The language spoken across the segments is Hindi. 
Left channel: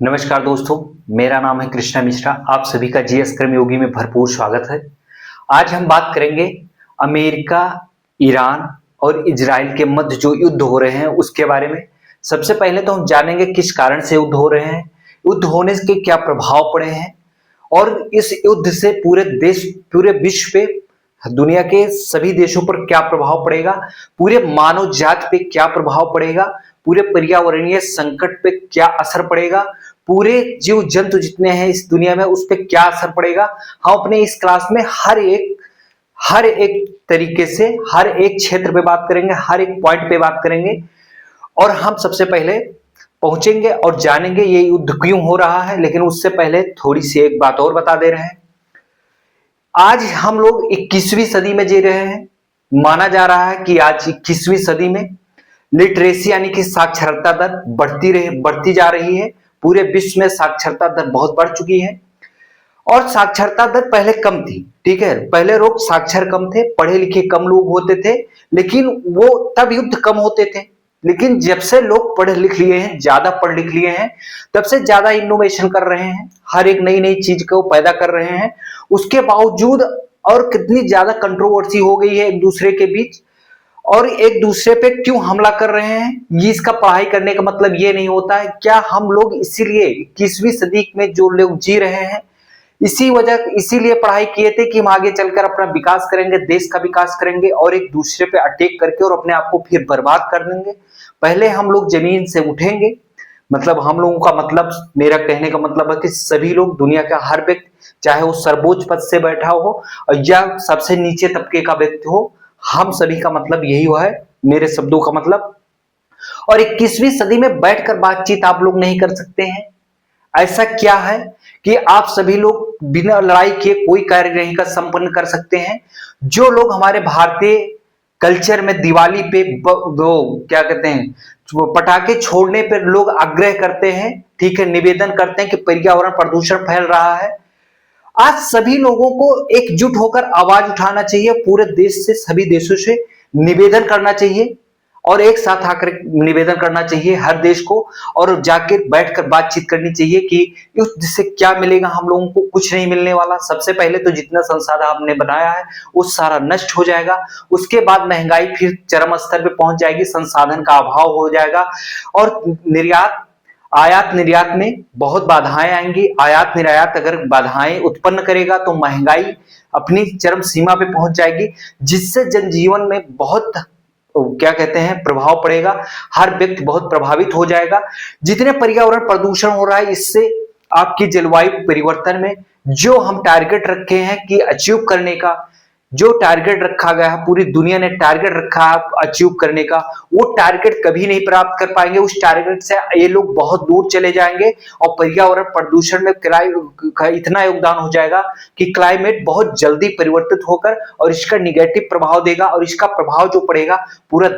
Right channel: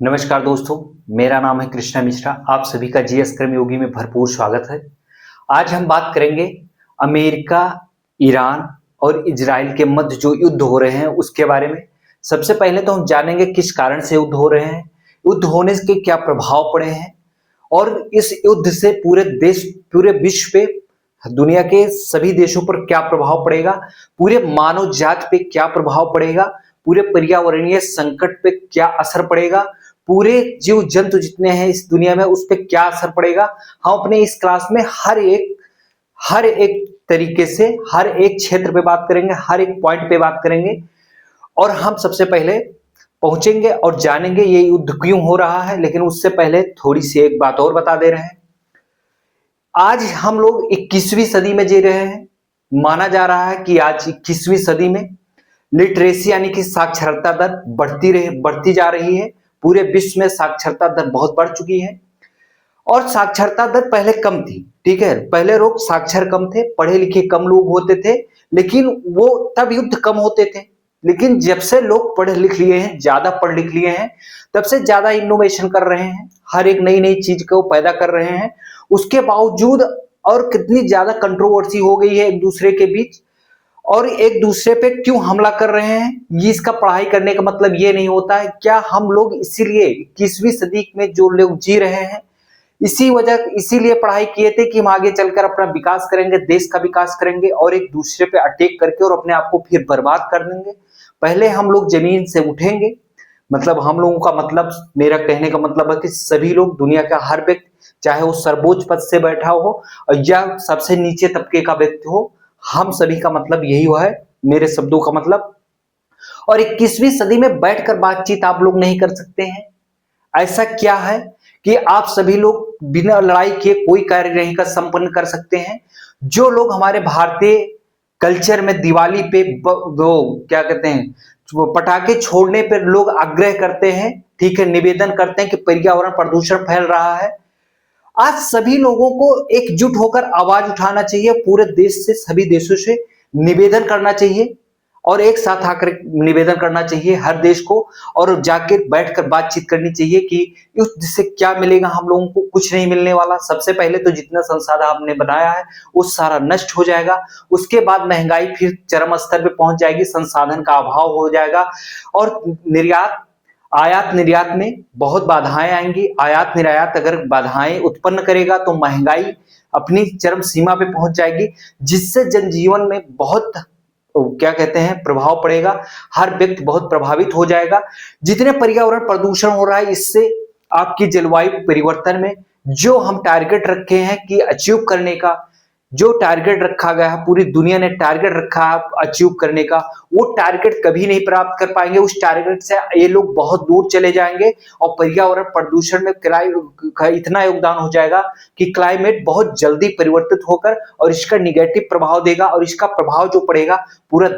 नमस्कार दोस्तों, मेरा नाम है कृष्णा मिश्रा। आप सभी का जीएस कर्म योगी में भरपूर स्वागत है। आज हम बात करेंगे अमेरिका, ईरान और इजराइल के मध्य जो युद्ध हो रहे हैं उसके बारे में। सबसे पहले तो हम जानेंगे किस कारण से युद्ध हो रहे हैं, युद्ध होने के क्या प्रभाव पड़े हैं और इस युद्ध से पूरे विश्व पे, दुनिया के सभी देशों पर क्या प्रभाव पड़ेगा, पूरे मानव जात पे क्या प्रभाव पड़ेगा, पूरे पर्यावरणीय संकट पे क्या असर पड़ेगा, पूरे जीव जंतु जितने हैं इस दुनिया में उस पर क्या असर पड़ेगा। हम अपने इस क्लास में हर एक तरीके से हर एक क्षेत्र पे बात करेंगे, हर एक पॉइंट पे बात करेंगे। और हम सबसे पहले पहुंचेंगे और जानेंगे ये युद्ध क्यों हो रहा है। लेकिन उससे पहले थोड़ी सी एक बात और बता दे रहे हैं। आज हम लोग 21वीं सदी में जी रहे हैं। माना जा रहा है कि आज 21वीं सदी में लिटरेसी यानी कि साक्षरता दर बढ़ती जा रही है। पूरे विश्व में साक्षरता दर बहुत बढ़ चुकी है और साक्षरता दर पहले कम थी। ठीक है, पहले लोग साक्षर कम थे, पढ़े लिखे कम लोग होते थे, लेकिन वो तब युद्ध कम होते थे। लेकिन जब से लोग पढ़ लिख लिए हैं, ज्यादा पढ़ लिख लिए हैं, तब से ज्यादा इनोवेशन कर रहे हैं, हर एक नई नई चीज को पैदा कर रहे हैं। उसके बावजूद और कितनी ज्यादा कंट्रोवर्सी हो गई है एक दूसरे के बीच, और एक दूसरे पे क्यों हमला कर रहे हैं। ये इसका पढ़ाई करने का मतलब ये नहीं होता है। क्या हम लोग इसीलिए 21वीं सदी में जो लोग जी रहे हैं इसीलिए पढ़ाई किए थे कि हम आगे चलकर अपना विकास करेंगे, देश का विकास करेंगे और एक दूसरे पे अटैक करके और अपने आप को फिर बर्बाद कर देंगे। पहले हम लोग जमीन से उठेंगे। मतलब हम लोगों का मतलब, मेरा कहने का मतलब है कि सभी लोग, दुनिया का हर व्यक्ति, चाहे वो सर्वोच्च पद से बैठा हो या सबसे नीचे तबके का व्यक्ति हो, हम सभी का मतलब यही हुआ है, मेरे शब्दों का मतलब। और 21वीं सदी में बैठकर बातचीत आप लोग नहीं कर सकते हैं। ऐसा क्या है कि आप सभी लोग बिना लड़ाई के कोई कार्य नहीं कर संपन्न कर सकते हैं। जो लोग हमारे भारतीय कल्चर में दिवाली पे दो क्या कहते हैं, वो पटाखे छोड़ने पर लोग आग्रह करते हैं, ठीक है, निवेदन करते हैं कि पर्यावरण प्रदूषण फैल रहा है। आज सभी लोगों को एकजुट होकर आवाज उठाना चाहिए, पूरे देश से, सभी देशों से निवेदन करना चाहिए और एक साथ आकर निवेदन करना चाहिए हर देश को, और जाके बैठकर बातचीत करनी चाहिए कि युद्ध से क्या मिलेगा। हम लोगों को कुछ नहीं मिलने वाला। सबसे पहले तो जितना संसाधन आपने बनाया है वो सारा नष्ट हो जाएगा। उसके बाद महंगाई फिर चरम स्तर पे पहुंच जाएगी, संसाधन का अभाव हो जाएगा और आयात निर्यात में बहुत बाधाएं आएंगी। आयात निर्यात अगर बाधाएं उत्पन्न करेगा तो महंगाई अपनी चरम सीमा पे पहुंच जाएगी, जिससे जनजीवन में बहुत क्या कहते हैं प्रभाव पड़ेगा। हर व्यक्ति बहुत प्रभावित हो जाएगा। जितने पर्यावरण प्रदूषण हो रहा है, इससे आपकी जलवायु परिवर्तन में जो हम टारगेट रखे हैं कि अचीव करने का, जो टारगेट रखा गया है, पूरी दुनिया ने टारगेट रखा है अचीव करने का, वो टारगेट कभी नहीं प्राप्त कर पाएंगे। उस टारगेट से ये लोग बहुत दूर चले जाएंगे और पर्यावरण प्रदूषण में का इतना योगदान हो जाएगा कि क्लाइमेट बहुत जल्दी परिवर्तित होकर और इसका निगेटिव प्रभाव देगा। और इसका प्रभाव जो पड़ेगा पूरा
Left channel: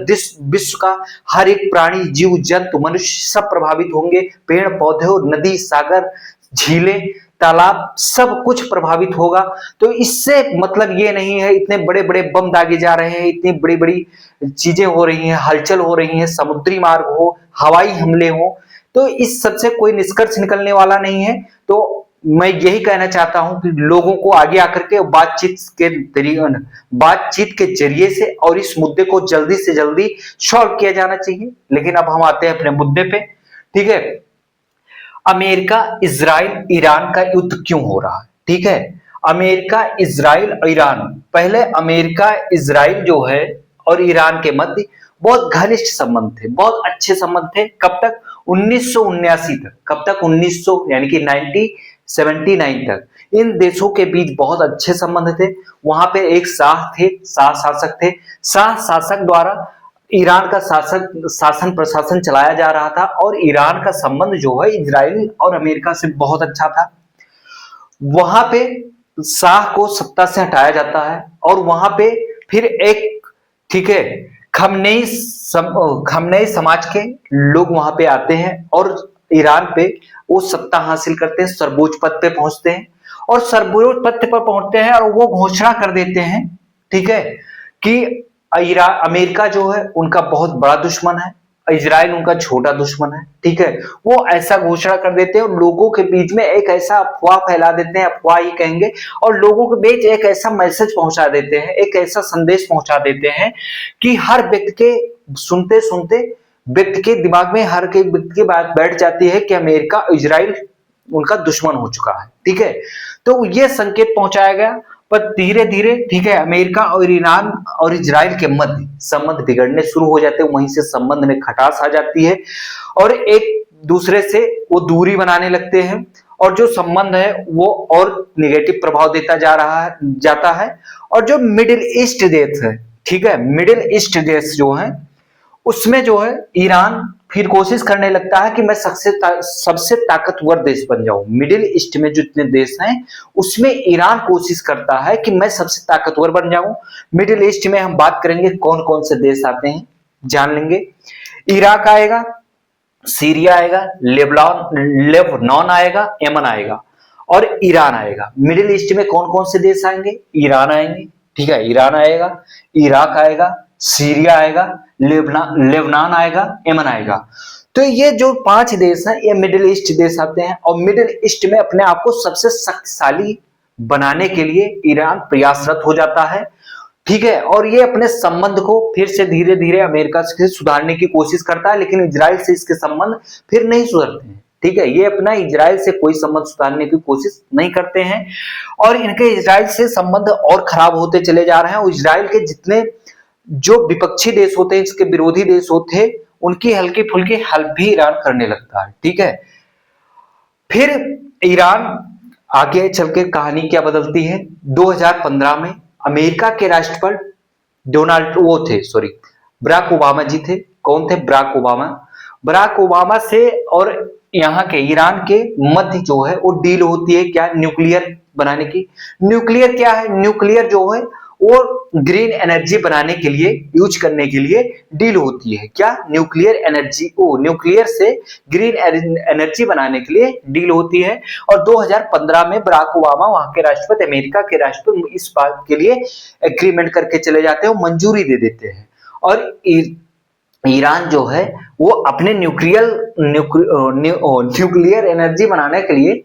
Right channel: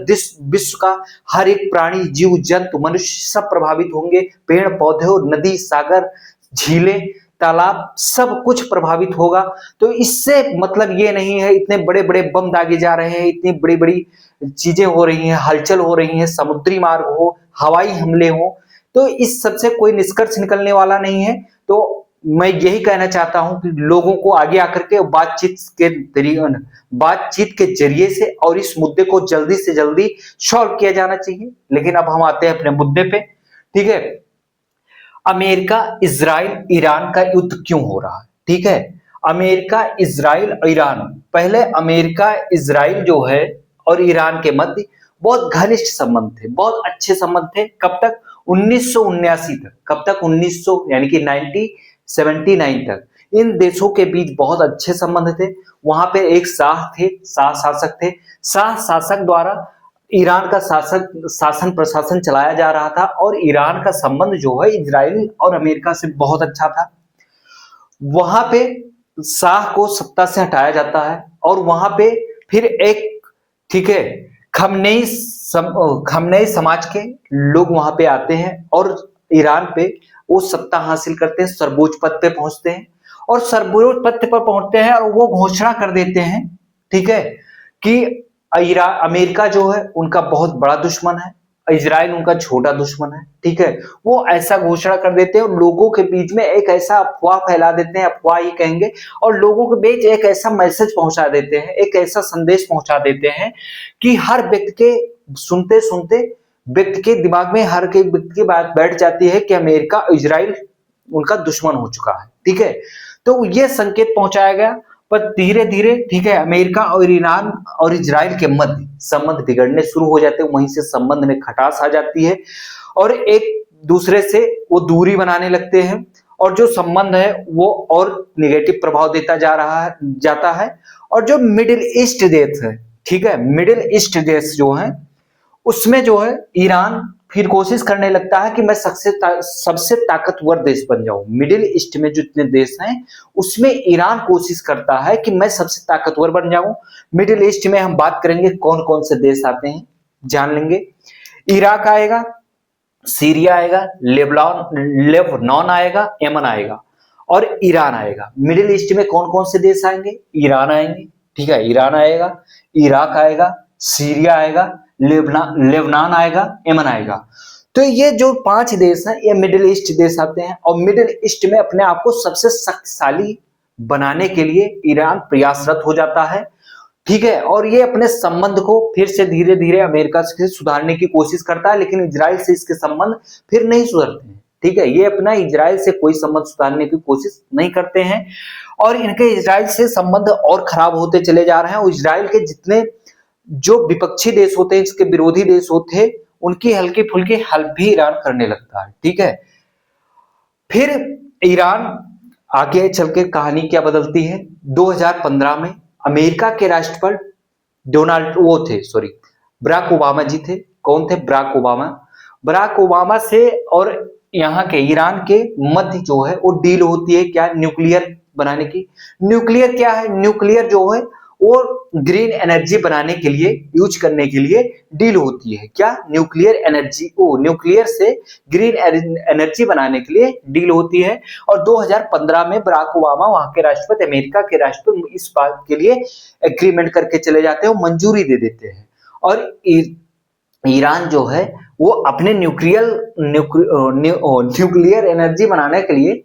विश्व का हर एक प्राणी, जीव जंतु, मनुष्य सब प्रभावित होंगे। पेड़ पौधे, नदी, सागर, झीलें, तालाब, सब कुछ प्रभावित होगा। तो इससे मतलब ये नहीं है इतने बड़े बड़े बम दागे जा रहे हैं, इतनी बड़ी बड़ी चीजें हो रही हैं, हलचल हो रही है, समुद्री मार्ग हो, हवाई हमले हो, तो इस सबसे कोई निष्कर्ष निकलने वाला नहीं है। तो मैं यही कहना चाहता हूं कि लोगों को आगे आकर के बातचीत के जरिए से और इस मुद्दे को जल्दी से जल्दी सॉल्व किया जाना चाहिए। लेकिन अब हम आते हैं अपने मुद्दे पे। ठीक है, अमेरिका, इजराइल, ईरान का युद्ध क्यों हो रहा है। ठीक है, अमेरिका, इजराइल, ईरान। पहले अमेरिका, इजराइल जो है और ईरान के मध्य बहुत घनिष्ठ संबंध थे, बहुत अच्छे संबंध थे। कब तक? 1979 तक। कब तक? 1900 यानी कि 1979 तक इन देशों के बीच बहुत अच्छे संबंध थे। वहां पे एक शाह शासक थे। शाह शासक द्वारा ईरान का शासन प्रशासन चलाया जा रहा था और ईरान का संबंध जो है इजराइल और अमेरिका से बहुत अच्छा था। वहां पे शाह को सत्ता से हटाया जाता है और वहां पे फिर एक, ठीक है, खमनेई समाज के लोग वहां पे आते हैं और ईरान पे वो सत्ता हासिल करते हैं, सर्वोच्च पद पे पहुंचते हैं और सर्वोच्च पद पर पहुंचते हैं और वो घोषणा कर देते हैं, ठीक है, कि अमेरिका जो है उनका बहुत बड़ा दुश्मन है। इजराइल उनका छोटा दुश्मन है, ठीक है। वो ऐसा घोषणा कर देते हैं और लोगों के बीच में एक ऐसा अफवाह फैला देते हैं, अफवाह ही कहेंगे, और लोगों के बीच एक ऐसा मैसेज पहुंचा देते हैं, एक ऐसा संदेश पहुंचा देते हैं कि हर व्यक्ति के सुनते सुनते व्यक्ति के दिमाग में, हर एक व्यक्ति की बात बैठ जाती है कि अमेरिका इजराइल उनका दुश्मन हो चुका है, ठीक है। तो ये संकेत पहुंचाया गया, पर धीरे धीरे, ठीक है, अमेरिका और ईरान और इजराइल के मध्य संबंध बिगड़ने शुरू हो जाते हैं। वहीं से संबंध में खटास आ जाती है और एक दूसरे से वो दूरी बनाने लगते हैं, और जो संबंध है वो और निगेटिव प्रभाव देता जाता है। और जो मिडिल ईस्ट देश है, ठीक है, मिडिल ईस्ट देश जो है, उसमें जो है ईरान फिर कोशिश करने लगता है कि मैं सबसे ताकतवर देश बन जाऊं। मिडिल ईस्ट में जितने देश हैं उसमें ईरान कोशिश करता है कि मैं सबसे ताकतवर बन जाऊं। मिडिल ईस्ट में हम बात करेंगे कौन कौन से देश आते हैं, जान लेंगे। इराक आएगा, सीरिया आएगा, लेबनान आएगा, यमन आएगा और ईरान आएगा। मिडिल ईस्ट में कौन कौन से देश आएंगे? ईरान आएंगे, ठीक है, ईरान आएगा, इराक आएगा, सीरिया आएगा, लेबनान आएगा, यमन आएगा। तो ये जो 5 देश हैं ये मिडिल ईस्ट देश आते हैं, और मिडिल ईस्ट में अपने आप को सबसे शक्तिशाली बनाने के लिए ईरान प्रयासरत हो जाता है, ठीक है। और ये अपने संबंध को फिर से धीरे धीरे अमेरिका से सुधारने की कोशिश करता है, लेकिन इजराइल से इसके संबंध फिर नहीं सुधरते हैं, ठीक है। ये अपना इजराइल से कोई संबंध सुधारने की कोशिश नहीं करते हैं, और इनके इजराइल से संबंध और खराब होते चले जा रहे हैं। और इजराइल के जितने जो विपक्षी देश होते हैं, इसके विरोधी देश होते हैं, उनकी हल्की फुल्की हेल्प भी ईरान करने लगता है, ठीक है। फिर ईरान आगे चल के कहानी क्या बदलती है? 2015 में अमेरिका के राष्ट्रपति बराक ओबामा जी थे। कौन थे? बराक ओबामा से और यहाँ के ईरान के मध्य जो है वो डील होती है, क्या? न्यूक्लियर बनाने की। न्यूक्लियर क्या है? न्यूक्लियर जो है वो ग्रीन एनर्जी बनाने के लिए, यूज करने के लिए डील होती है। क्या? न्यूक्लियर एनर्जी, न्यूक्लियर से ग्रीन एनर्जी बनाने के लिए डील होती है। और 2015 में बराक ओबामा, वहां के राष्ट्रपति, अमेरिका के राष्ट्रपति, इस बात के लिए एग्रीमेंट करके चले जाते हैं, मंजूरी दे देते हैं। और ईरान जो है वो अपने न्यूक्लियर एनर्जी बनाने के लिए,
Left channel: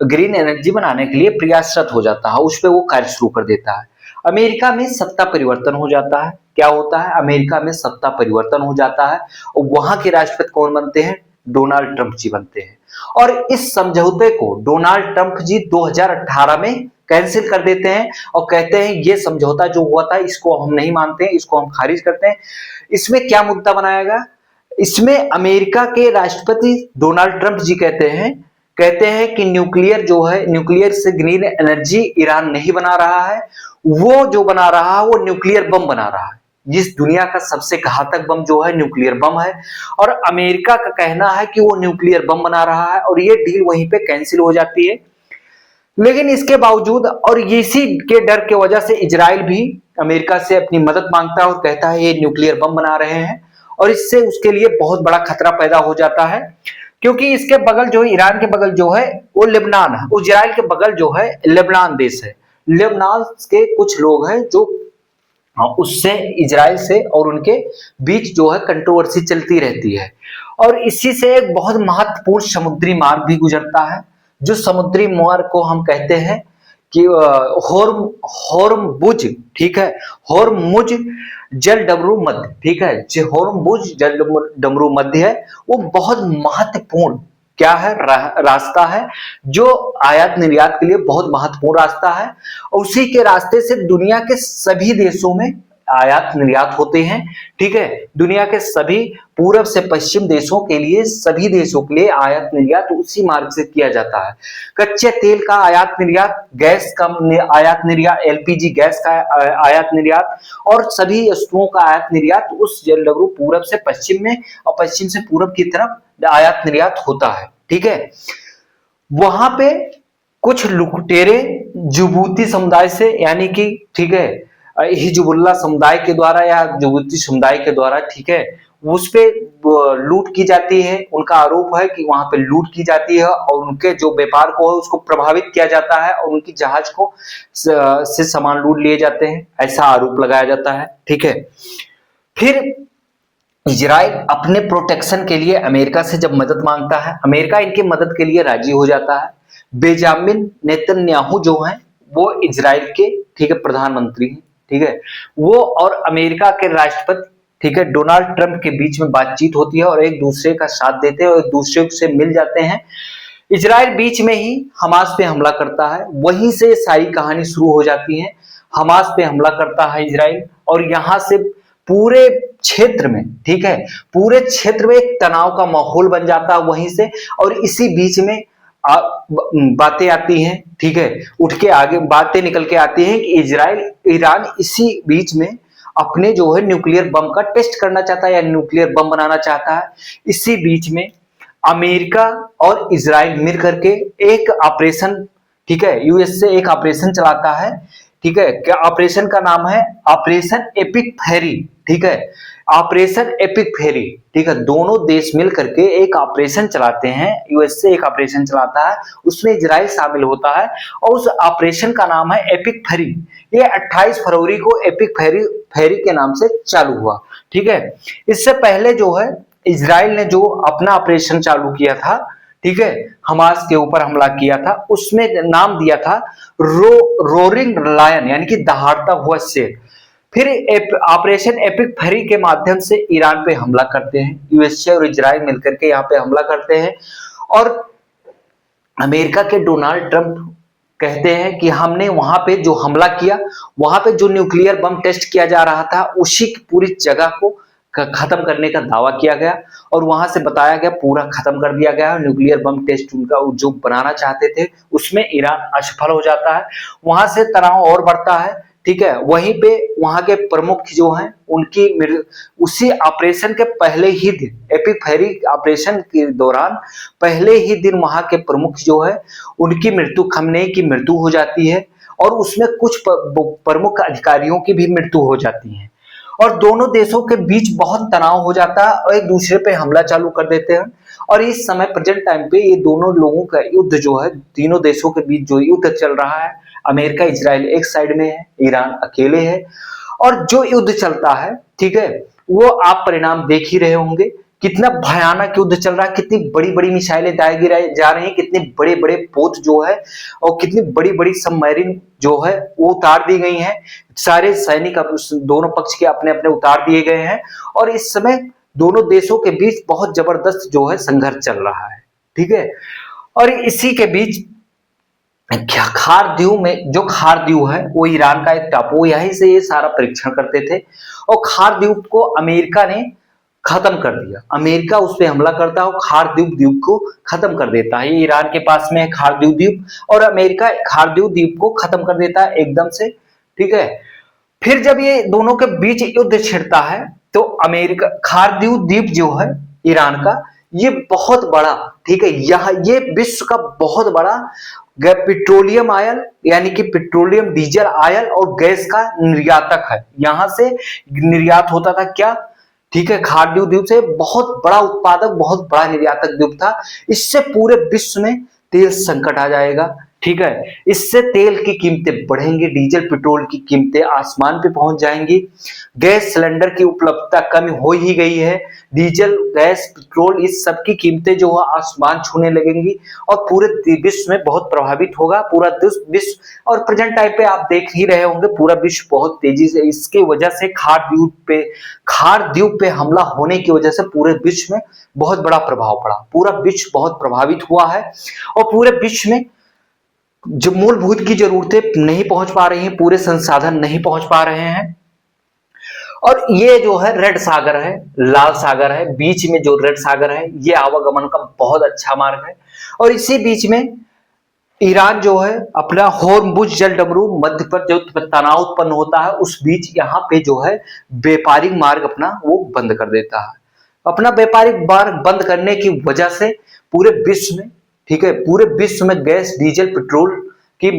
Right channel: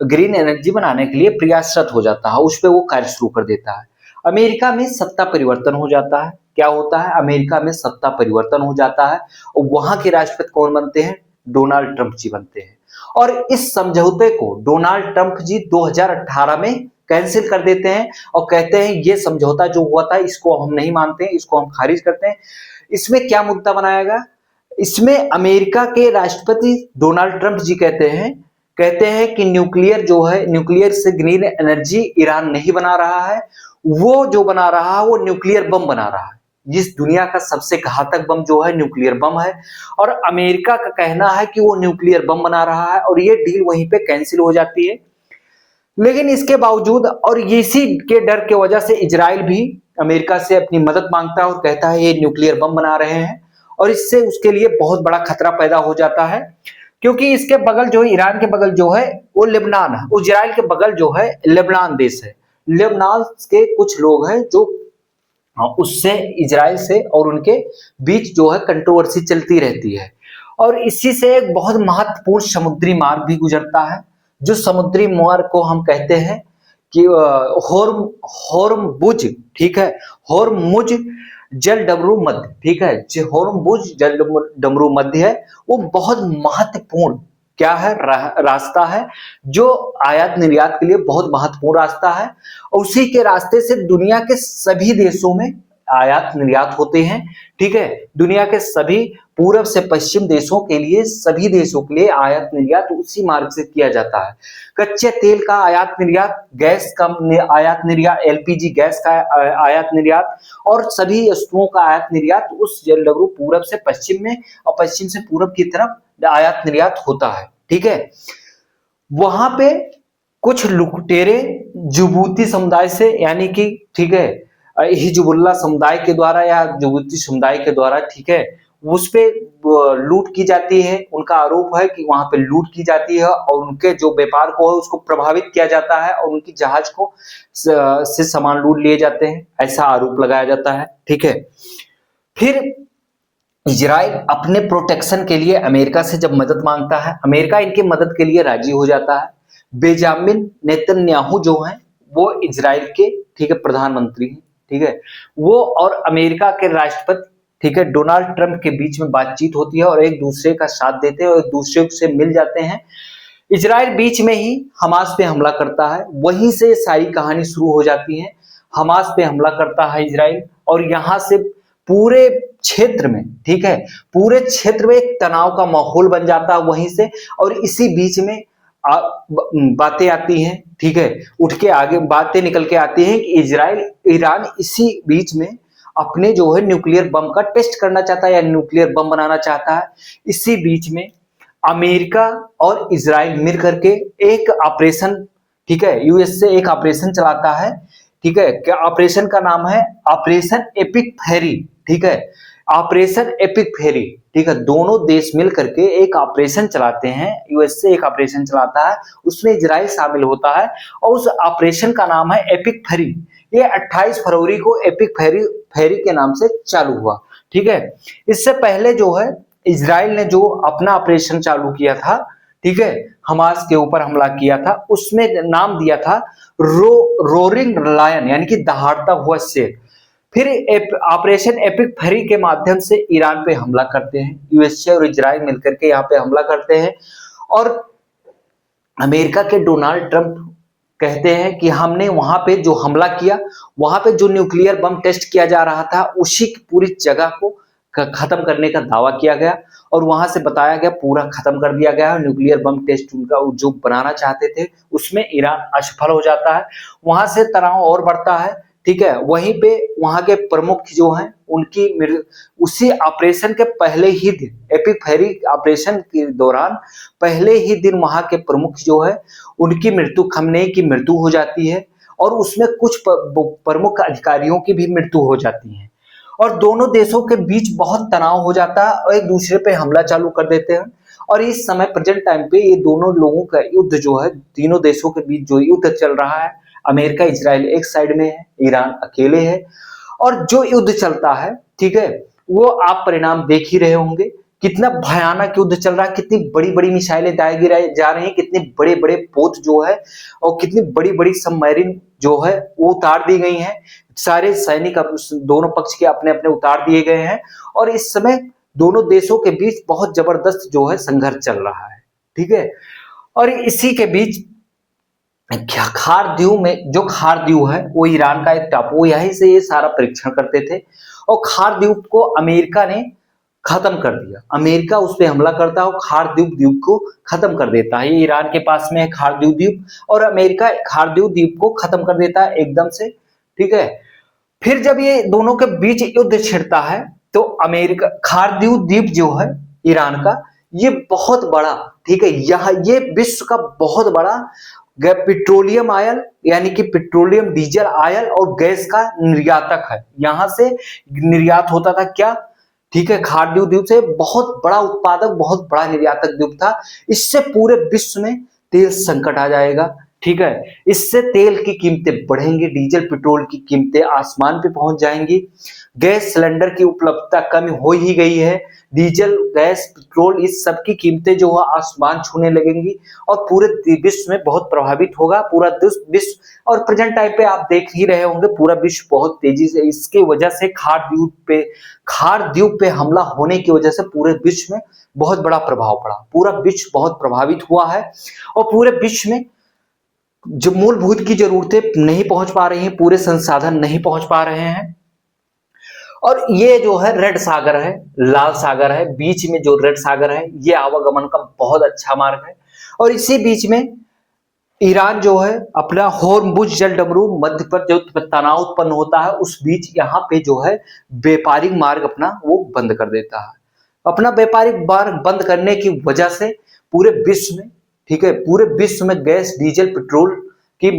ग्रीन एनर्जी बनाने के लिए प्रयासरत हो जाता है, उस पर वो कार्य शुरू कर देता है। अमेरिका में सत्ता परिवर्तन हो जाता है। क्या होता है? अमेरिका में सत्ता परिवर्तन हो जाता है, और वहां के राष्ट्रपति कौन बनते हैं? डोनाल्ड ट्रंप जी बनते हैं। और इस समझौते को डोनाल्ड ट्रंप जी 2018 में कैंसिल कर देते हैं और कहते हैं ये समझौता जो हुआ था इसको हम नहीं मानते हैं, इसको हम खारिज करते हैं। इसमें क्या मुद्दा बनाया गया? इसमें अमेरिका के राष्ट्रपति डोनाल्ड ट्रंप जी कहते हैं कि न्यूक्लियर जो है, न्यूक्लियर से ग्रीन एनर्जी ईरान नहीं बना रहा है, वो जो बना रहा है वो न्यूक्लियर बम बना रहा है। जिस दुनिया का सबसे घातक बम जो है न्यूक्लियर बम है, और अमेरिका का कहना है कि वो न्यूक्लियर बम बना रहा है, और ये डील वहीं पे कैंसिल हो जाती है। लेकिन इसके बावजूद और इसी के डर के वजह से इजराइल भी अमेरिका से अपनी मदद मांगता है और कहता है ये न्यूक्लियर बम बना रहे हैं, और इससे उसके लिए बहुत बड़ा खतरा पैदा हो जाता है। क्योंकि इसके बगल जो है, ईरान के बगल जो है वो लेबनान है, इजराइल के बगल जो है लेबनान देश है। लेबनान के कुछ लोग हैं जो उससे, इजराइल से और उनके बीच जो है कंट्रोवर्सी चलती रहती है। और इसी से एक बहुत महत्वपूर्ण समुद्री मार्ग भी गुजरता है, जो समुद्री मार्ग को हम कहते हैं कि होर्मुज, ठीक है, होर्मुज जलडमरू मध्य, ठीक है, जो होर्मुज जलडमरू मध्य है वो बहुत महत्वपूर्ण क्या है? रास्ता है, जो आयात निर्यात के लिए बहुत महत्वपूर्ण रास्ता है। उसी के रास्ते से दुनिया के सभी देशों में आयात निर्यात होते हैं, ठीक है। दुनिया के सभी पूर्व से पश्चिम देशों के लिए, सभी देशों के लिए आयात निर्यात उसी मार्ग से किया जाता है। कच्चे तेल का आयात निर्यात, गैस का आयात निर्यात, एलपीजी गैस का आयात निर्यात, और सभी वस्तुओं का आयात निर्यात उस जलडमरू पूर्व से पश्चिम में और पश्चिम से पूर्व की तरफ आयात निर्यात होता है, ठीक है। वहां पे कुछ लुटेरे जुबूती समुदाय से, यानी कि, ठीक है, हिजबुल्लाह समुदाय के द्वारा या जुबूती समुदाय के द्वारा, ठीक है, उस पे लूट की जाती है। उनका आरोप है कि वहां पे लूट की जाती है और उनके जो व्यापार को है उसको प्रभावित किया जाता है, और उनकी जहाज को से सामान लूट लिए जाते हैं, ऐसा आरोप लगाया जाता है, ठीक है। फिर इजराइल अपने प्रोटेक्शन के लिए अमेरिका से जब मदद मांगता है, अमेरिका इनकी मदद के लिए राजी हो जाता है। बेंजामिन नेतन्याहू जो है वो इजराइल के, ठीक है, प्रधानमंत्री हैं, ठीक है। वो और अमेरिका के राष्ट्रपति, ठीक है, डोनाल्ड ट्रंप के बीच में बातचीत होती है और एक दूसरे का साथ देते हैं और एक दूसरे से मिल जाते हैं। इजराइल बीच में ही हमास पे हमला करता है, वहीं से सारी कहानी शुरू हो जाती है। हमास पे हमला करता है इजराइल और यहाँ से पूरे क्षेत्र में, ठीक है, पूरे क्षेत्र में एक तनाव का माहौल बन जाता है वहीं से। और इसी बीच में बातें आती हैं, ठीक है, उठ के आगे बातें निकल के आती हैं कि इजराइल ईरान इसी बीच में अपने जो है न्यूक्लियर बम का टेस्ट करना चाहता है या न्यूक्लियर बम बनाना चाहता है। इसी बीच में अमेरिका और इजराइल मिल करके एक ऑपरेशन, ठीक है, यूएस से एक ऑपरेशन चलाता है, ठीक है। क्या ऑपरेशन का नाम है? ऑपरेशन एपिक फेरी, ठीक है, ऑपरेशन एपिक फेरी, ठीक है। दोनों देश मिल करके एक ऑपरेशन चलाते हैं, यूएस से एक ऑपरेशन चलाता है, उसमें इजराइल शामिल होता है और उस ऑपरेशन का नाम है एपिक फेरी। ये 28 फरवरी को एपिक फेरी फेरी के नाम से चालू हुआ, ठीक है। इससे पहले जो है इजराइल ने जो अपना ऑपरेशन चालू किया था, ठीक है, हमास के ऊपर हमला किया था, उसमें नाम दिया था रोरिंग लायन, यानी कि दहाड़ता हुआ शेर। फिर ऑपरेशन एपिक फेरी के माध्यम से ईरान पे हमला करते हैं, यूएसए और इजराइल मिलकर के यहाँ पे हमला करते हैं। और अमेरिका के डोनाल्ड ट्रंप कहते हैं कि हमने वहां पे जो हमला किया, वहां पे जो न्यूक्लियर बम टेस्ट किया जा रहा था, उसी पूरी जगह को खत्म करने का दावा किया गया और वहां से बताया गया पूरा खत्म कर दिया गया। न्यूक्लियर बम टेस्ट उनका जो बनाना चाहते थे उसमें ईरान असफल हो जाता है। वहां से तनाव और बढ़ता है, ठीक है। वहीं पे वहां के प्रमुख जो हैं उनकी उसी ऑपरेशन के पहले ही दिन, एपिक फेरी ऑपरेशन के दौरान पहले ही दिन वहां के प्रमुख जो है उनकी मृत्यु, खमनेई की मृत्यु हो जाती है और उसमें कुछ प्रमुख अधिकारियों की भी मृत्यु हो जाती है। और दोनों देशों के बीच बहुत तनाव हो जाता है और एक दूसरे पे हमला चालू कर देते हैं। और इस समय प्रेजेंट टाइम पे ये दोनों लोगों का युद्ध जो है, तीनों देशों के बीच जो युद्ध चल रहा है, अमेरिका इजराइल एक साइड में है, ईरान अकेले है। और जो युद्ध चलता है, ठीक है, वो आप परिणाम देख ही रहे होंगे, कितना भयानक युद्ध चल रहा है, कितनी बड़ी बड़ी मिसाइलें दाए गिराई जा रही हैं, कितने बड़े बड़े पोत जो है और कितनी बड़ी बड़ी सबमरीन जो है वो उतार दी गई हैं। सारे सैनिक दोनों पक्ष के अपने अपने उतार दिए गए हैं और इस समय दोनों देशों के बीच बहुत जबरदस्त जो है संघर्ष चल रहा है, ठीक है। और इसी के बीच खार द्वीप में, जो खार द्वीप है वो ईरान का एक टापू, यहीं से ये सारा परीक्षण करते थे और खार द्वीप को अमेरिका ने खत्म कर दिया। अमेरिका उस पर हमला करता है और खार द्वीप को खत्म कर देता है। ये ईरान के पास में है खार द्वीप और अमेरिका खार द्वीप को खत्म कर देता है एकदम से, ठीक है। फिर जब ये दोनों के बीच युद्ध छिड़ता है तो अमेरिका खारदीव द्वीप जो है ईरान का, ये बहुत बड़ा, ठीक है, यह ये विश्व का बहुत बड़ा पेट्रोलियम आयल, यानी कि पेट्रोलियम डीजल आयल और गैस का निर्यातक है। यहां से निर्यात होता था क्या, ठीक है, खारदीव द्वीप से बहुत बड़ा उत्पादक, बहुत बड़ा निर्यातक द्वीप था। इससे पूरे विश्व में तेल संकट आ जाएगा, ठीक है। इससे तेल की कीमतें बढ़ेंगी, डीजल पेट्रोल की कीमतें आसमान पे पहुंच जाएंगी। गैस सिलेंडर की उपलब्धता कम हो ही गई है, डीजल गैस पेट्रोल इस सब की कीमतें जो है आसमान छूने लगेंगी और पूरे विश्व में बहुत प्रभावित होगा पूरा विश्व। और प्रेजेंट टाइम पे आप देख ही रहे होंगे पूरा विश्व बहुत तेजी से, इसके वजह से खार द्वीप पे हमला होने की वजह से पूरे विश्व में बहुत बड़ा प्रभाव पड़ा, पूरा विश्व बहुत प्रभावित हुआ है और पूरे विश्व में जो मूलभूत की जरूरतें नहीं पहुंच पा रही हैं, पूरे संसाधन नहीं पहुंच पा रहे हैं। और ये जो है रेड सागर है, लाल सागर है, बीच में जो रेड सागर है ये आवागमन का बहुत अच्छा मार्ग है। और इसी बीच में ईरान जो है अपना होर्मुज जल डमरू मध्य पर जो तनाव उत्पन्न होता है उस बीच यहाँ पे जो है व्यापारिक मार्ग अपना वो बंद कर देता है। अपना व्यापारिक मार्ग बंद करने की वजह से पूरे विश्व में, ठीक है, पूरे विश्व में गैस डीजल पेट्रोल की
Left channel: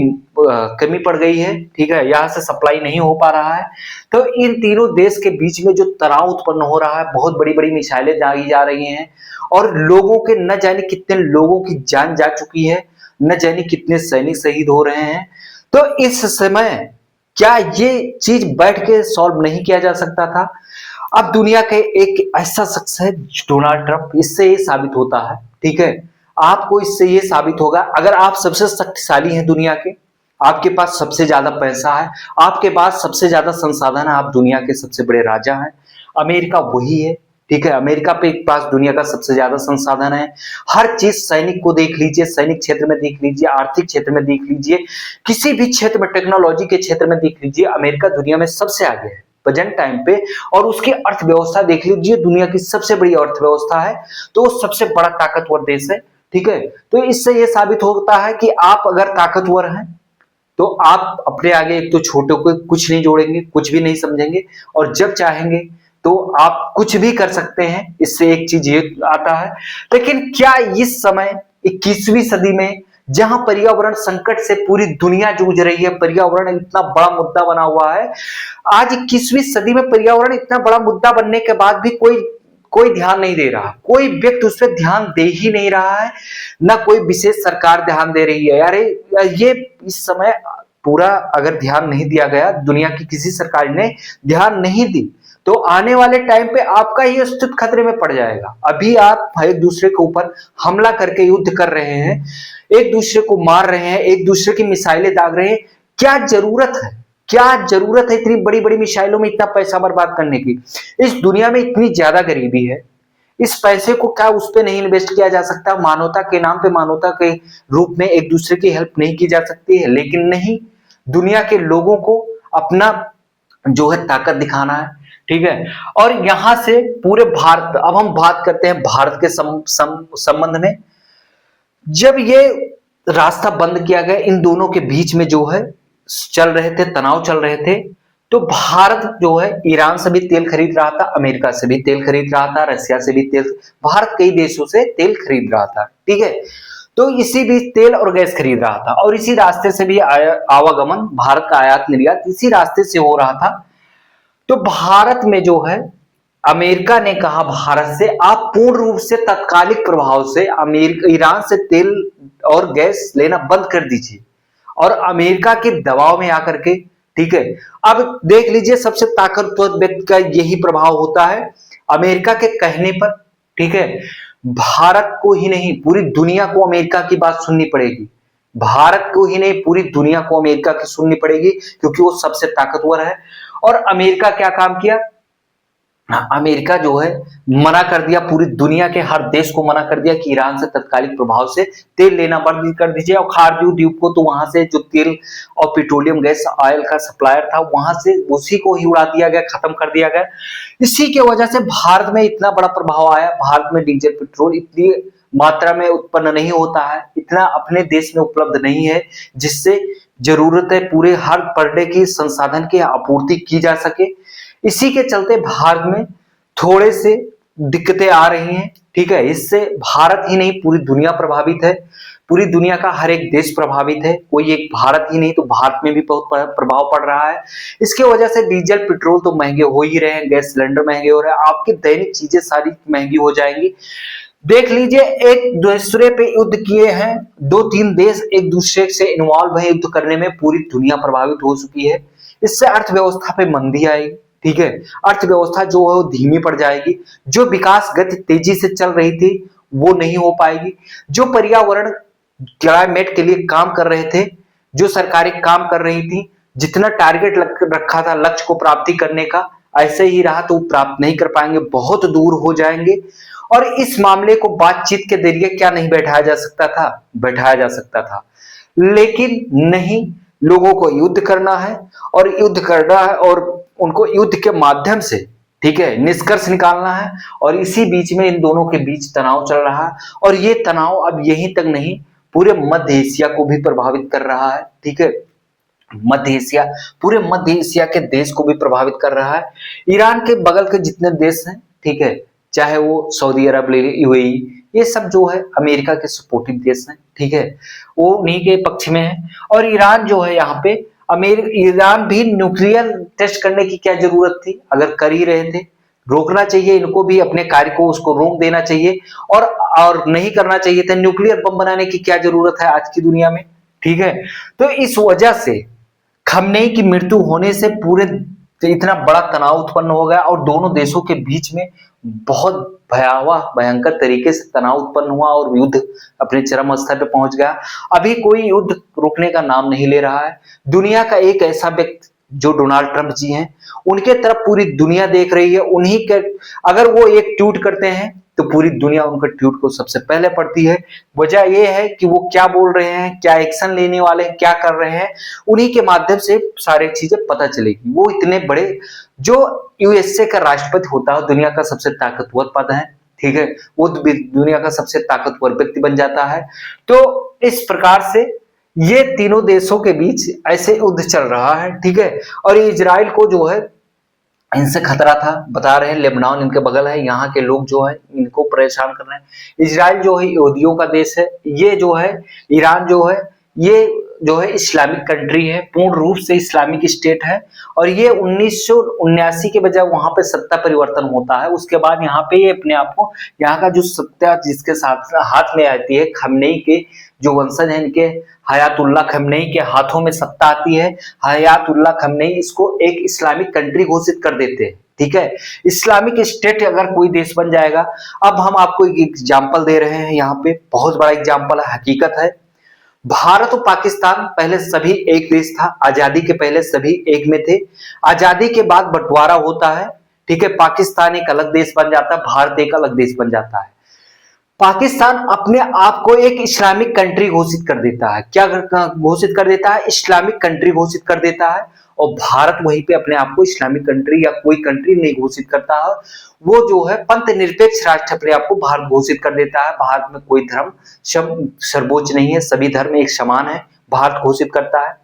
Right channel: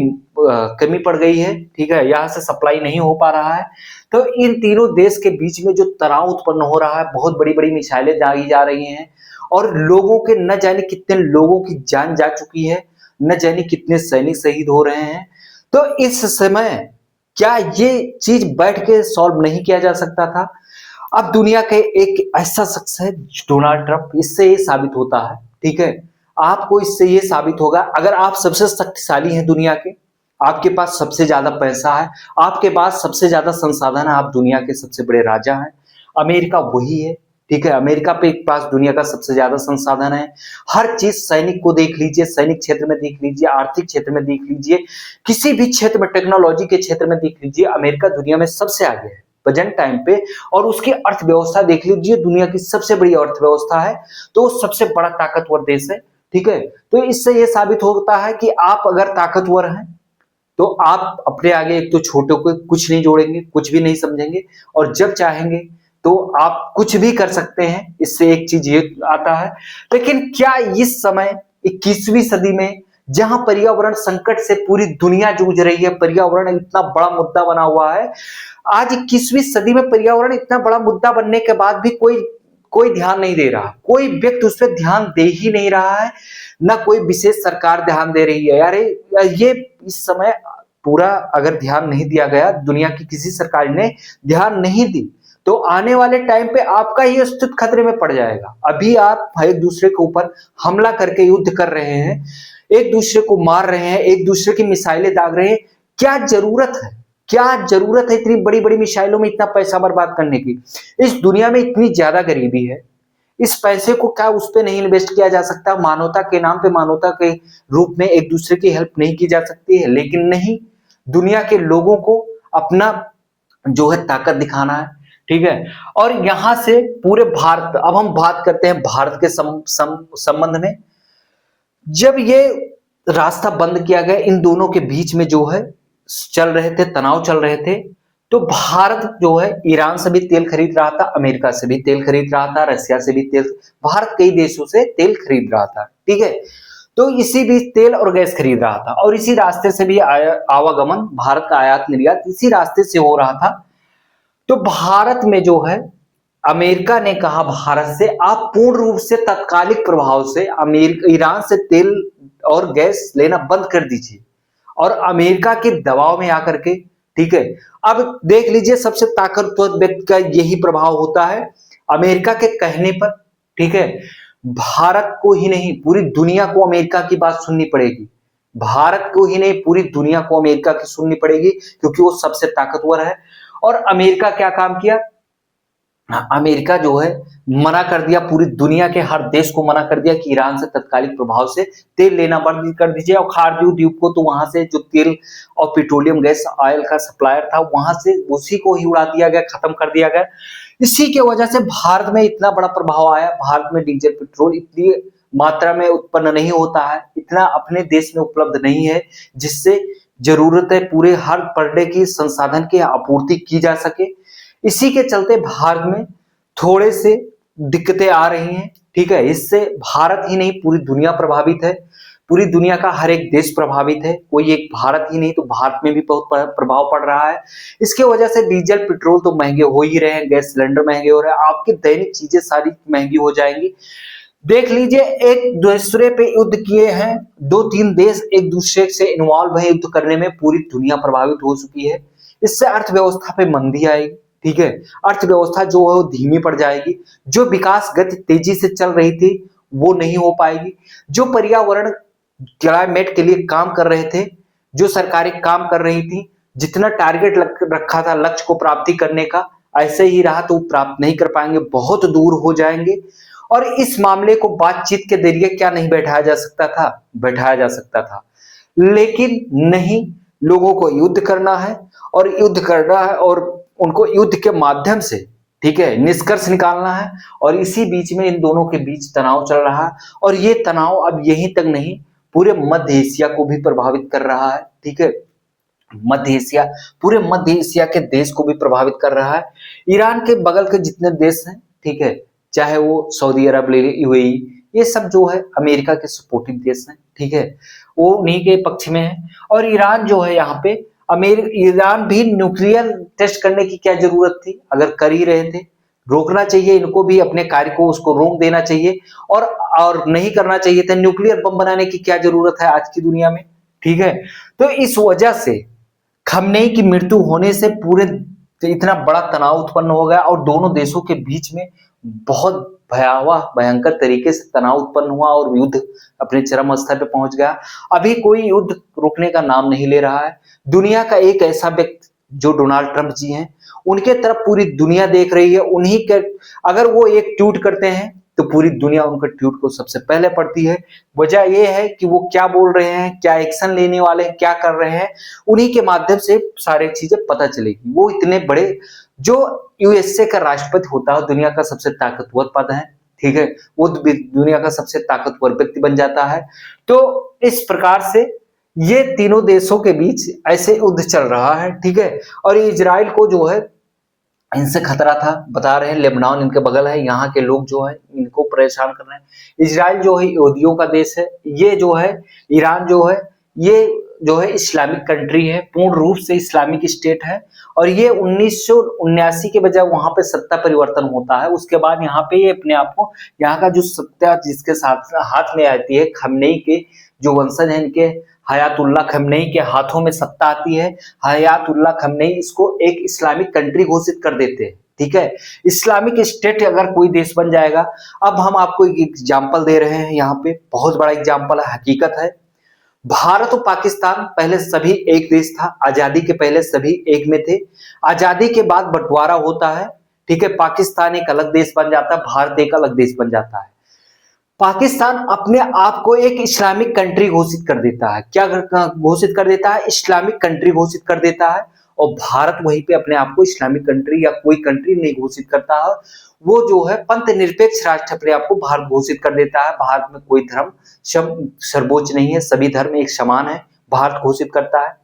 कमी पड़ गई है, ठीक है, यहाँ से सप्लाई नहीं हो पा रहा है। तो इन तीनों देश के बीच में जो तनाव उत्पन्न हो रहा है, बहुत बड़ी बड़ी मिसाइलें दागी जा रही हैं और लोगों के न जाने कितने लोगों की जान जा चुकी है, न जाने कितने सैनिक शहीद हो रहे हैं। तो इस समय क्या ये चीज बैठ के सॉल्व नहीं किया जा सकता था? अब दुनिया के एक ऐसा शख्स है डोनाल्ड ट्रंप, इससे ये साबित होता है, ठीक है, आपको इससे ये साबित होगा, अगर आप सबसे शक्तिशाली हैं दुनिया के, आपके पास सबसे ज्यादा पैसा है, आपके पास सबसे ज्यादा संसाधन है, आप दुनिया के सबसे बड़े राजा हैं, अमेरिका वही है, ठीक है, अमेरिका पे पास दुनिया का सबसे ज्यादा संसाधन है, हर चीज, सैनिक को देख लीजिए, सैनिक क्षेत्र में देख लीजिए, आर्थिक क्षेत्र में देख लीजिए, किसी भी क्षेत्र में, टेक्नोलॉजी के क्षेत्र में देख लीजिए, अमेरिका दुनिया में सबसे आगे है प्रेजेंट टाइम पे। और उसकी अर्थव्यवस्था देख लीजिए, दुनिया की सबसे बड़ी अर्थव्यवस्था है, तो वो सबसे बड़ा ताकतवर देश है, ठीक है। तो इससे ये साबित होता है कि आप अगर ताकतवर हैं तो आप अपने आगे एक तो छोटों को कुछ नहीं जोड़ेंगे, कुछ भी नहीं समझेंगे, और जब चाहेंगे तो आप कुछ भी कर सकते हैं। इससे एक चीज ये आता है, लेकिन क्या इस समय 21वीं सदी में, जहां पर्यावरण संकट से पूरी दुनिया जूझ रही है, पर्यावरण इतना बड़ा मुद्दा बना हुआ है, आज 21वीं सदी में पर्यावरण इतना बड़ा मुद्दा बनने के बाद भी कोई कोई ध्यान नहीं दे रहा, कोई व्यक्ति उस पर ध्यान दे ही नहीं रहा है, ना कोई विशेष सरकार ध्यान दे रही है। अरे ये इस समय पूरा अगर ध्यान नहीं दिया गया, दुनिया की किसी सरकार ने ध्यान नहीं दी, तो आने वाले टाइम पे आपका ही अस्तित्व खतरे में पड़ जाएगा। अभी आप एक दूसरे के ऊपर हमला करके युद्ध कर रहे हैं, एक दूसरे को मार रहे हैं, एक दूसरे की मिसाइलें दाग रहे हैं, क्या जरूरत है, क्या जरूरत है इतनी बड़ी बड़ी मिसाइलों में इतना पैसा बर्बाद करने की? इस दुनिया में इतनी ज्यादा गरीबी है, इस पैसे को क्या उस पर नहीं इन्वेस्ट किया जा सकता? मानवता के नाम पे, मानवता के रूप में एक दूसरे की हेल्प नहीं की जा सकती है? लेकिन नहीं, दुनिया के लोगों को अपना जो है ताकत दिखाना है, ठीक है। और यहां से पूरे भारत, अब हम बात करते हैं भारत के संबंध में। जब ये रास्ता बंद किया गया, इन दोनों के बीच में जो है चल रहे थे, तनाव चल रहे थे, तो भारत जो है ईरान से भी तेल खरीद रहा था, अमेरिका से भी तेल खरीद रहा था, रशिया से भी तेल, भारत कई देशों से तेल खरीद रहा था, ठीक है। तो इसी बीच तेल और गैस खरीद रहा था, और इसी रास्ते से भी आवागमन, भारत का आयात निर्यात इसी रास्ते से हो रहा था। तो भारत में जो है, अमेरिका ने कहा भारत से, आप पूर्ण रूप से तत्कालिक प्रभाव से अमेरिका ईरान से तेल और गैस लेना बंद कर दीजिए, और अमेरिका के दबाव में आकर के, ठीक है। अब देख लीजिए, सबसे ताकतवर व्यक्ति का यही प्रभाव होता है, अमेरिका के कहने पर, ठीक है, भारत को ही नहीं पूरी दुनिया को अमेरिका की बात सुननी पड़ेगी, भारत को ही नहीं पूरी दुनिया को अमेरिका की सुननी पड़ेगी, क्योंकि वो सबसे ताकतवर है। और अमेरिका क्या काम किया, अमेरिका जो है मना कर दिया, पूरी दुनिया के हर देश को मना कर दिया कि ईरान से तत्कालिक प्रभाव से तेल लेना बंद कर दीजिए, और खारदीव द्वीप को तो वहां से जो तेल और पेट्रोलियम गैस ऑयल का सप्लायर था, वहां से उसी को ही उड़ा दिया गया, खत्म कर दिया गया। इसी की वजह से भारत में इतना बड़ा प्रभाव आया। भारत में डीजल पेट्रोल इतनी मात्रा में उत्पन्न नहीं होता है, इतना अपने देश में उपलब्ध नहीं है, जिससे जरूरत है पूरे हर पर डे की संसाधन की आपूर्ति की जा सके। इसी के चलते भारत में थोड़े से दिक्कतें आ रही हैं, ठीक है। इससे भारत ही नहीं पूरी दुनिया प्रभावित है, पूरी दुनिया का हर एक देश प्रभावित है, कोई एक भारत ही नहीं, तो भारत में भी बहुत प्रभाव पड़ रहा है। इसकी वजह से डीजल पेट्रोल तो महंगे हो ही रहे हैं, गैस सिलेंडर महंगे हो रहे हैं, आपकी दैनिक चीजें सारी महंगी हो जाएंगी। देख लीजिए, एक दूसरे पे युद्ध किए हैं, 2-3 देश एक दूसरे से इन्वॉल्व है युद्ध करने में, पूरी दुनिया प्रभावित हो चुकी है। इससे अर्थव्यवस्था पे मंदी आएगी, ठीक है, अर्थव्यवस्था जो है वो धीमी पड़ जाएगी, जो विकास गति तेजी से चल रही थी वो नहीं हो पाएगी, जो पर्यावरण क्लाइमेट के लिए काम कर रहे थे, जो सरकारें काम कर रही थी, जितना टारगेट रखा था लक्ष्य को प्राप्ति करने का, ऐसे ही रहा तो प्राप्त नहीं कर पाएंगे, बहुत दूर हो जाएंगे। और इस मामले को बातचीत के जरिए क्या नहीं बैठाया जा सकता था, बैठाया जा सकता था, लेकिन नहीं, लोगों को युद्ध करना है, और युद्ध करना है, और उनको युद्ध के माध्यम से, ठीक है, निष्कर्ष निकालना है। और इसी बीच में इन दोनों के बीच तनाव चल रहा है, और ये तनाव अब यहीं तक नहीं, पूरे मध्य एशिया को भी प्रभावित कर रहा है, ठीक है, मध्य एशिया, पूरे मध्य एशिया के देश को भी प्रभावित कर रहा है। ईरान के बगल के जितने देश हैं, ठीक है, चाहे वो सऊदी अरब ले, यूएई, ये सब जो है अमेरिका के सपोर्टिव देश हैं, ठीक है, वो उन्हीं के पक्ष में है। और ईरान जो है यहाँ पे, ईरान भी न्यूक्लियर टेस्ट करने की क्या जरूरत थी, अगर कर ही रहे थे, रोकना चाहिए इनको भी, अपने कार्य को उसको रोक देना चाहिए, और नहीं करना चाहिए था। न्यूक्लियर बम बनाने की क्या जरूरत है आज की दुनिया में, ठीक है। तो इस वजह से खमनेई की मृत्यु होने से पूरे तो इतना बड़ा तनाव उत्पन्न हो गया और दोनों देशों के बीच में बहुत भयावह भयंकर तरीके से तनाव उत्पन्न हुआ और युद्ध अपने चरम स्तर पे पहुंच गया। अभी कोई युद्ध रुकने का नाम नहीं ले रहा है। दुनिया का एक ऐसा व्यक्ति जो डोनाल्ड ट्रंप जी हैं, उनके तरफ पूरी दुनिया देख रही है। उन्हीं के अगर वो एक ट्वीट करते हैं तो पूरी दुनिया उनके ट्वीट को सबसे पहले पढ़ती है। वजह ये है कि वो क्या बोल रहे हैं, क्या एक्शन लेने वाले हैं, क्या कर रहे हैं, उन्हीं के माध्यम से सारी चीजें पता चलेगी। वो इतने बड़े जो यूएसए का राष्ट्रपति होता है, दुनिया का सबसे ताकतवर पद है, ठीक है, वो दुनिया का सबसे ताकतवर व्यक्ति बन जाता है। तो इस प्रकार से ये तीनों देशों के बीच ऐसे युद्ध चल रहा है, ठीक है। और इजराइल को जो है इनसे खतरा था, बता रहे हैं लेबनान इनके बगल है, यहाँ के लोग जो है इनको परेशान कर रहे हैं। इजराइल जो है यहूदियों का देश है, ये जो है ईरान जो है ये जो है इस्लामिक कंट्री है, पूर्ण रूप से इस्लामिक स्टेट है। और ये 1979 के बजाय वहां पे सत्ता परिवर्तन होता है। उसके बाद यहाँ पे ये अपने आप को यहाँ का जो सत्ता जिसके साथ हाथ में आती है, खमनेई के जो वंशज हैं इनके, हयातुल्लाह खमनेई के हाथों में सत्ता आती है। हयातुल्लाह खमनेई इसको एक इस्लामिक कंट्री घोषित कर देते हैं, ठीक है। इस्लामिक स्टेट अगर कोई देश बन जाएगा, अब हम आपको एक एग्जाम्पल दे रहे हैं, यहाँ पे बहुत बड़ा एग्जाम्पल है, हकीकत है। भारत और पाकिस्तान पहले सभी एक देश था, आजादी के पहले सभी एक में थे। आजादी के बाद बंटवारा होता है, ठीक है, पाकिस्तान एक अलग देश बन जाता है, भारत एक अलग देश बन जाता है। पाकिस्तान अपने आप को एक इस्लामिक कंट्री घोषित कर देता है। क्या घोषित कर देता है? इस्लामिक कंट्री घोषित कर देता है। और भारत वहीं पे अपने आप को इस्लामिक कंट्री या कोई कंट्री नहीं घोषित करता है, वो जो है पंथ निरपेक्ष राष्ट्र अपने आप को भारत घोषित कर देता है। भारत में कोई धर्म सर्वोच्च नहीं है, सभी धर्म एक समान है, भारत घोषित करता है।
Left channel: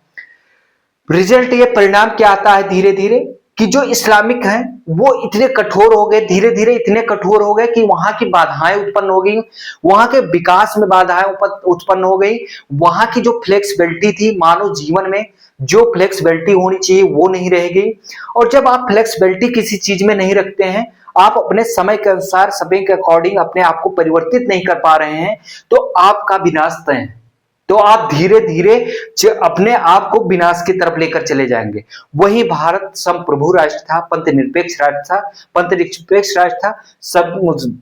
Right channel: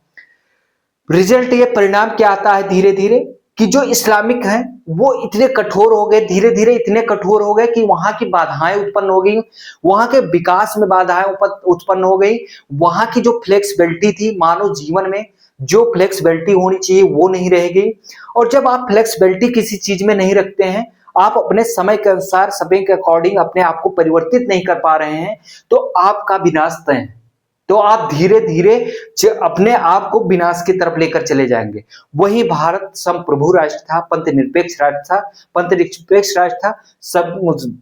रिजल्ट ये परिणाम क्या आता है धीरे धीरे कि जो इस्लामिक हैं वो इतने कठोर हो गए, धीरे धीरे इतने कठोर हो गए कि वहां की बाधाएं उत्पन्न हो गई, वहां के विकास में बाधाएं उत्पन्न हो गई। वहां की जो फ्लेक्सिबिलिटी थी मानव जीवन में, जो फ्लेक्सिबिलिटी होनी चाहिए वो नहीं रह गई। और जब आप फ्लेक्सिबिलिटी किसी चीज में नहीं रखते हैं, आप अपने समय के अनुसार समय के अकॉर्डिंग अपने आप को परिवर्तित नहीं कर पा रहे हैं, तो आपका विनाश तय है। तो आप धीरे धीरे अपने आप को विनाश की तरफ लेकर चले जाएंगे। वही भारत संप्रभु राष्ट्र था, पंथ निरपेक्ष राष्ट्र था, पंथ निरपेक्ष राष्ट्र था, सब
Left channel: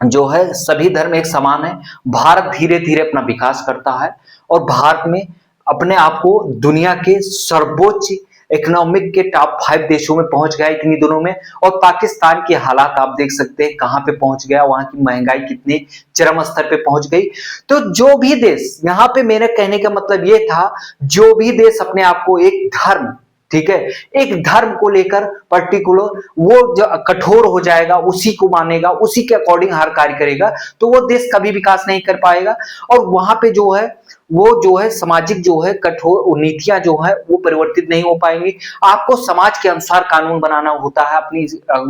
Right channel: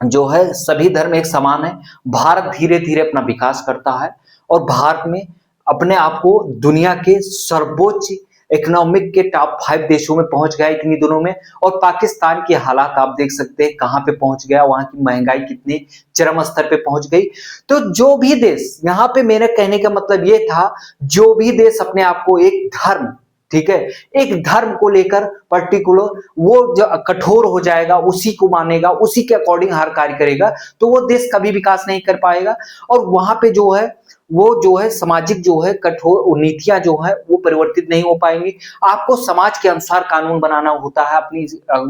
जो है सभी धर्म एक समान है। भारत धीरे धीरे अपना विकास करता है और भारत में अपने आप को दुनिया के सर्वोच्च इकोनॉमिक के टॉप 5 देशों में पहुंच गया इतनी दिनों में। और पाकिस्तान की हालात आप देख सकते हैं कहां पे पहुंच गया, वहां की महंगाई कितने चरम स्तर पे पहुंच गई। तो जो भी देश, यहां पे मेरे कहने का मतलब ये था, जो भी देश अपने आप को एक धर्म, ठीक है, एक धर्म को लेकर पर्टिकुलर वो जो कठोर हो जाएगा, उसी को मानेगा, उसी के अकॉर्डिंग हर कार्य करेगा, तो वो देश कभी विकास नहीं कर पाएगा। और वहां पे जो है वो जो है सामाजिक जो है कठोर नीतियां जो है वो परिवर्तित नहीं हो पाएंगी। आपको समाज के अनुसार कानून बनाना होता है, अपनी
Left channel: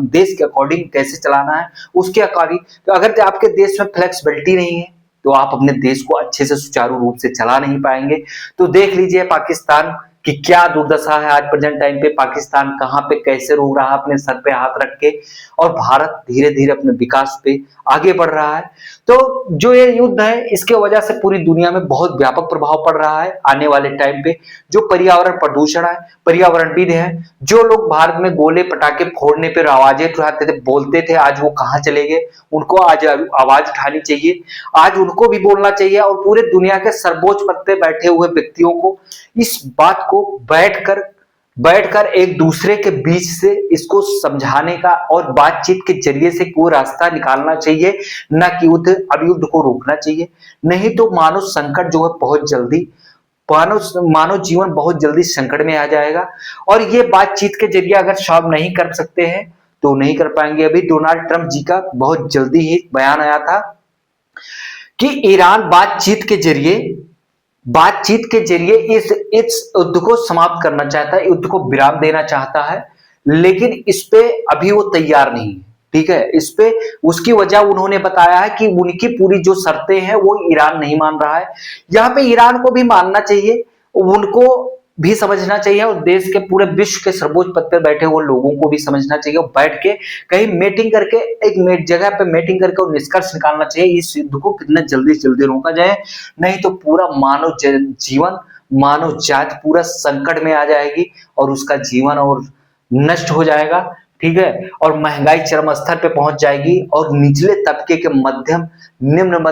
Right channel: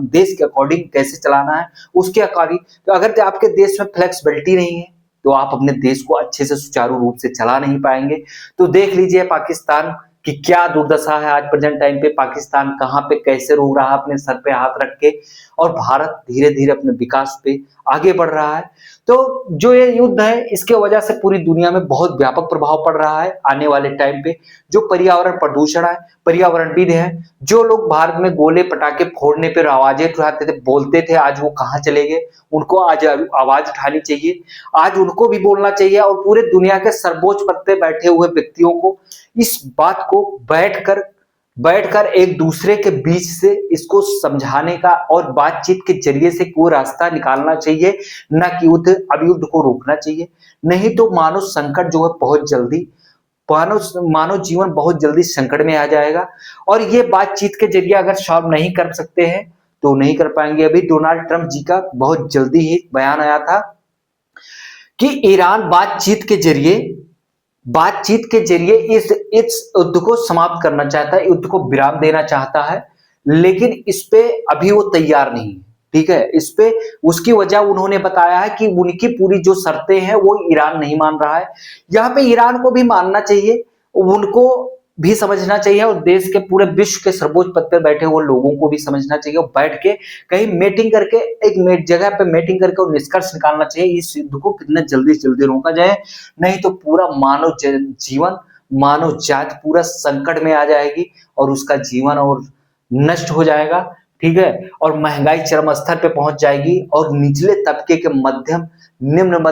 देश के अकॉर्डिंग कैसे चलाना है उसके अकॉर्डिंग। तो अगर आपके देश में फ्लेक्सिबिलिटी नहीं है तो आप अपने देश को अच्छे से सुचारू रूप से चला नहीं पाएंगे। तो देख लीजिए पाकिस्तान कि क्या दुर्दशा है आज प्रेजेंट टाइम पे, पाकिस्तान कहां पे कैसे रो रहा है अपने सर पे हाथ रख के, और भारत धीरे धीरे अपने विकास पे आगे बढ़ रहा है। तो जो ये युद्ध है इसके वजह से पूरी दुनिया में बहुत व्यापक प्रभाव पड़ रहा है आने वाले टाइम पे। जो पर्यावरण प्रदूषण है, पर्यावरणविद है, जो लोग भारत में गोले पटाखे फोड़ने पर आवाजें उठाते थे, बोलते थे, आज वो कहाँ चले गए? उनको आज आवाज उठानी चाहिए, आज उनको भी बोलना चाहिए। और पूरे दुनिया के सर्वोच्च पद पे बैठे हुए व्यक्तियों को इस बात को बैठकर एक दूसरे के बीच से इसको समझाने का और बातचीत के जरिए से कोई रास्ता निकालना चाहिए, न कि अब युद्ध को रोकना चाहिए। नहीं तो मानव संकट जो है बहुत जल्दी, मानव जीवन बहुत जल्दी संकट में आ जाएगा। और ये बातचीत के जरिए अगर सॉल्व नहीं कर सकते हैं तो नहीं कर पाएंगे। अभी डोनाल्ड ट्रंप जी का बहुत जल्दी ही बयान आया था कि ईरान बातचीत के जरिए इस युद्ध को समाप्त करना चाहता है, युद्ध को विराम देना चाहता है, लेकिन इस पे अभी वो तैयार नहीं है, ठीक है। इस पे उसकी वजह उन्होंने बताया है कि उनकी पूरी जो शर्तें हैं वो ईरान नहीं मान रहा है। यहाँ पे ईरान को भी मानना चाहिए, उनको भी समझना चाहिए, और देश के पूरे विश्व के सर्वोच्च पद पर बैठे हुए लोगों को भी समझना चाहिए, और बैठ के कहीं मीटिंग करके एक जगह पे मीटिंग करके और निष्कर्ष निकालना चाहिए इस युद्ध को कितना जल्दी से जल्दी रोका जाए। नहीं तो पूरा मानव जीवन, मानव जाति पूरा संकट में आ जाएगी और उसका जीवन और नष्ट हो जाएगा, ठीक है, और महंगाई चरम स्तर पे पहुंच जाएगी और निचले तबके के मध्यम, निम्न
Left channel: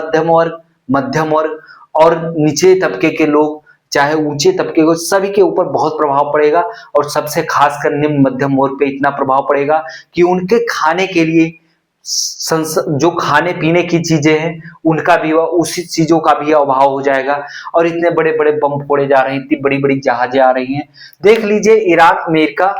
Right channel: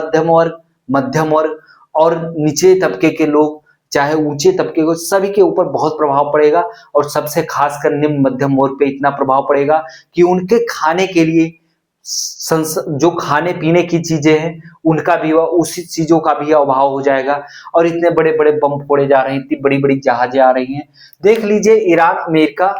मध्यम वर्ग और निचले तबके के लोग, चाहे ऊंचे तबके को, सभी के ऊपर बहुत प्रभाव पड़ेगा। और सबसे खासकर निम्न मध्यम वर्ग पे इतना प्रभाव पड़ेगा कि उनके खाने के लिए जो खाने पीने की चीजें हैं उनका भी, उसी चीजों का भी अभाव हो जाएगा। और इतने बड़े बड़े बम फोड़े जा रहे हैं, इतनी बड़ी बड़ी जहाजें आ रही हैं। देख लीजिए ईरान अमेरिका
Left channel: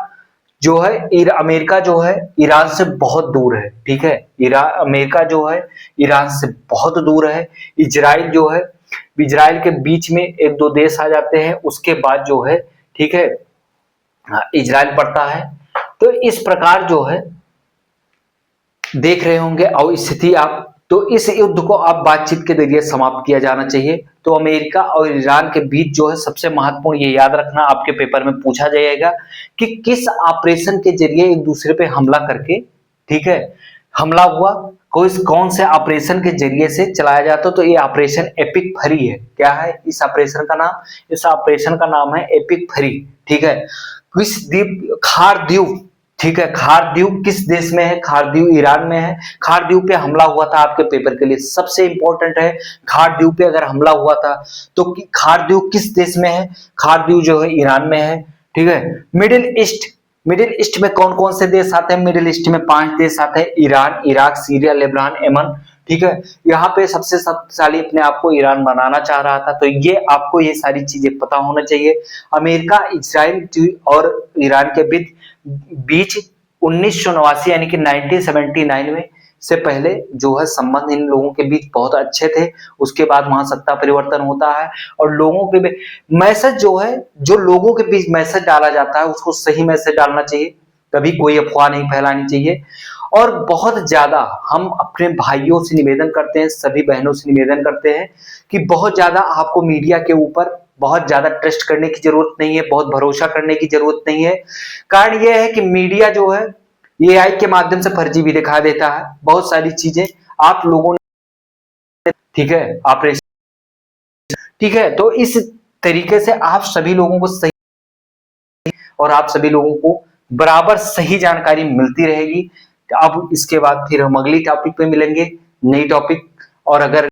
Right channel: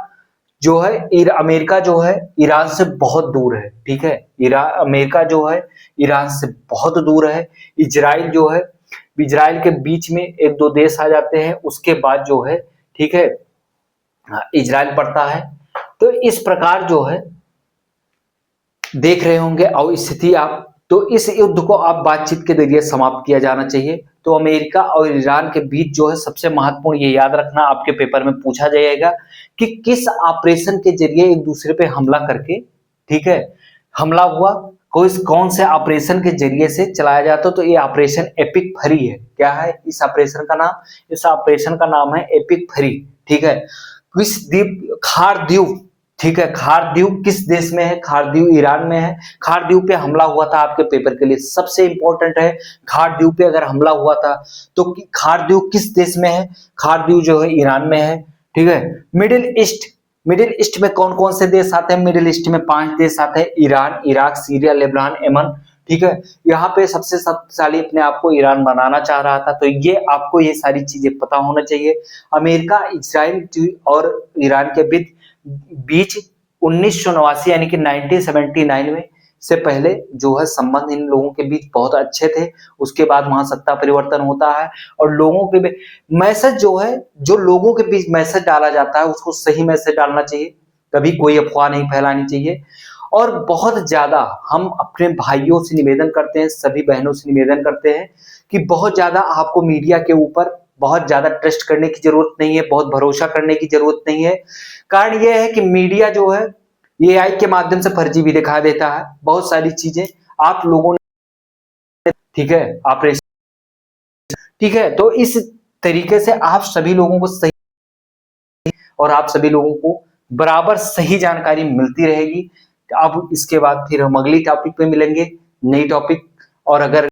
जो है, अमेरिका जो है ईरान से बहुत दूर है, ठीक है, ईरान अमेरिका जो है ईरान से बहुत दूर है। इजराइल जो है, इजराइल के बीच में एक दो देश आ जाते हैं, उसके बाद जो है, ठीक है, इजराइल पड़ता है। तो इस प्रकार जो है देख रहे होंगे और स्थिति आप, तो इस युद्ध को आप बातचीत के जरिए समाप्त किया जाना चाहिए। तो अमेरिका और ईरान के बीच जो है सबसे महत्वपूर्ण, ये याद रखना, आपके पेपर में पूछा जाएगा कि किस ऑपरेशन के जरिए एक दूसरे पे हमला करके, ठीक है, हमला हुआ, कौन से ऑपरेशन के जरिए से चलाया जाता। तो ये ऑपरेशन एपिक फरी है। क्या है इस ऑपरेशन का नाम? इस ऑपरेशन का नाम है एपिक फरी, ठीक है। किस द्वीप, खार द्वीप, ठीक है, खार द्वीप किस देश में है? खार द्वीप ईरान में है। खार द्वीप पे हमला हुआ था, आपके पेपर के लिए सबसे इंपॉर्टेंट है। खार द्वीप पे अगर हमला हुआ था तो खार द्वीप किस देश में है? खार द्वीप जो है ईरान में है, ठीक है। मिडिल ईस्ट, मिडिल ईस्ट में कौन कौन से देश आते हैं? मिडिल ईस्ट में 5 देश आते हैं, Iran, Iraq, Syria, Lebanon, Yemen, ठीक है। यहाँ पे सबसे शक्तिशाली अपने आप को ईरान बनाना चाह रहा था। तो ये आपको ये सारी चीजें पता होना चाहिए। अमेरिका, इजराइल और ईरान के बीच 1989 यानी कि 1979 में से पहले जो है संबंध इन लोगों के बीच बहुत अच्छे थे। उसके बाद वहां सत्ता परिवर्तन होता है और लोगों के मैसेज जो है, जो लोगों के बीच मैसेज डाला जाता है उसको सही मैसेज डालना चाहिए, कभी कोई अफवाह नहीं फैलानी चाहिए। और बहुत ज्यादा हम अपने भाइयों से निवेदन करते हैं, सभी बहनों से निवेदन करते हैं कि बहुत ज्यादा आपको मीडिया के ऊपर बहुत ज्यादा ट्रस्ट करने की जरूरत नहीं है, बहुत भरोसा करने की जरूरत नहीं है। कारण यह है कि मीडिया जो है एआई के माध्यम से फर्जी भी दिखा देता है, बहुत सारी चीजें आप लोगों ने, ठीक है, ऑपरेशन, ठीक है। तो इस तरीके से आप सभी लोगों को सही, और आप सभी लोगों को बराबर सही जानकारी मिलती रहेगी। अब इसके बाद फिर हम अगली टॉपिक पे मिलेंगे, नई टॉपिक। और अगर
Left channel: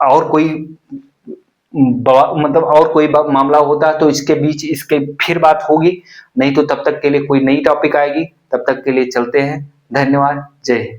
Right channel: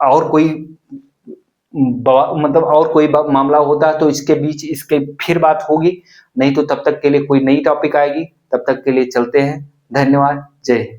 और कोई मतलब और कोई मामला होता है तो इसके बीच इसके फिर बात होगी, नहीं तो तब तक के लिए कोई नई टॉपिक आएगी। तब तक के लिए चलते हैं। धन्यवाद। जय हिंद।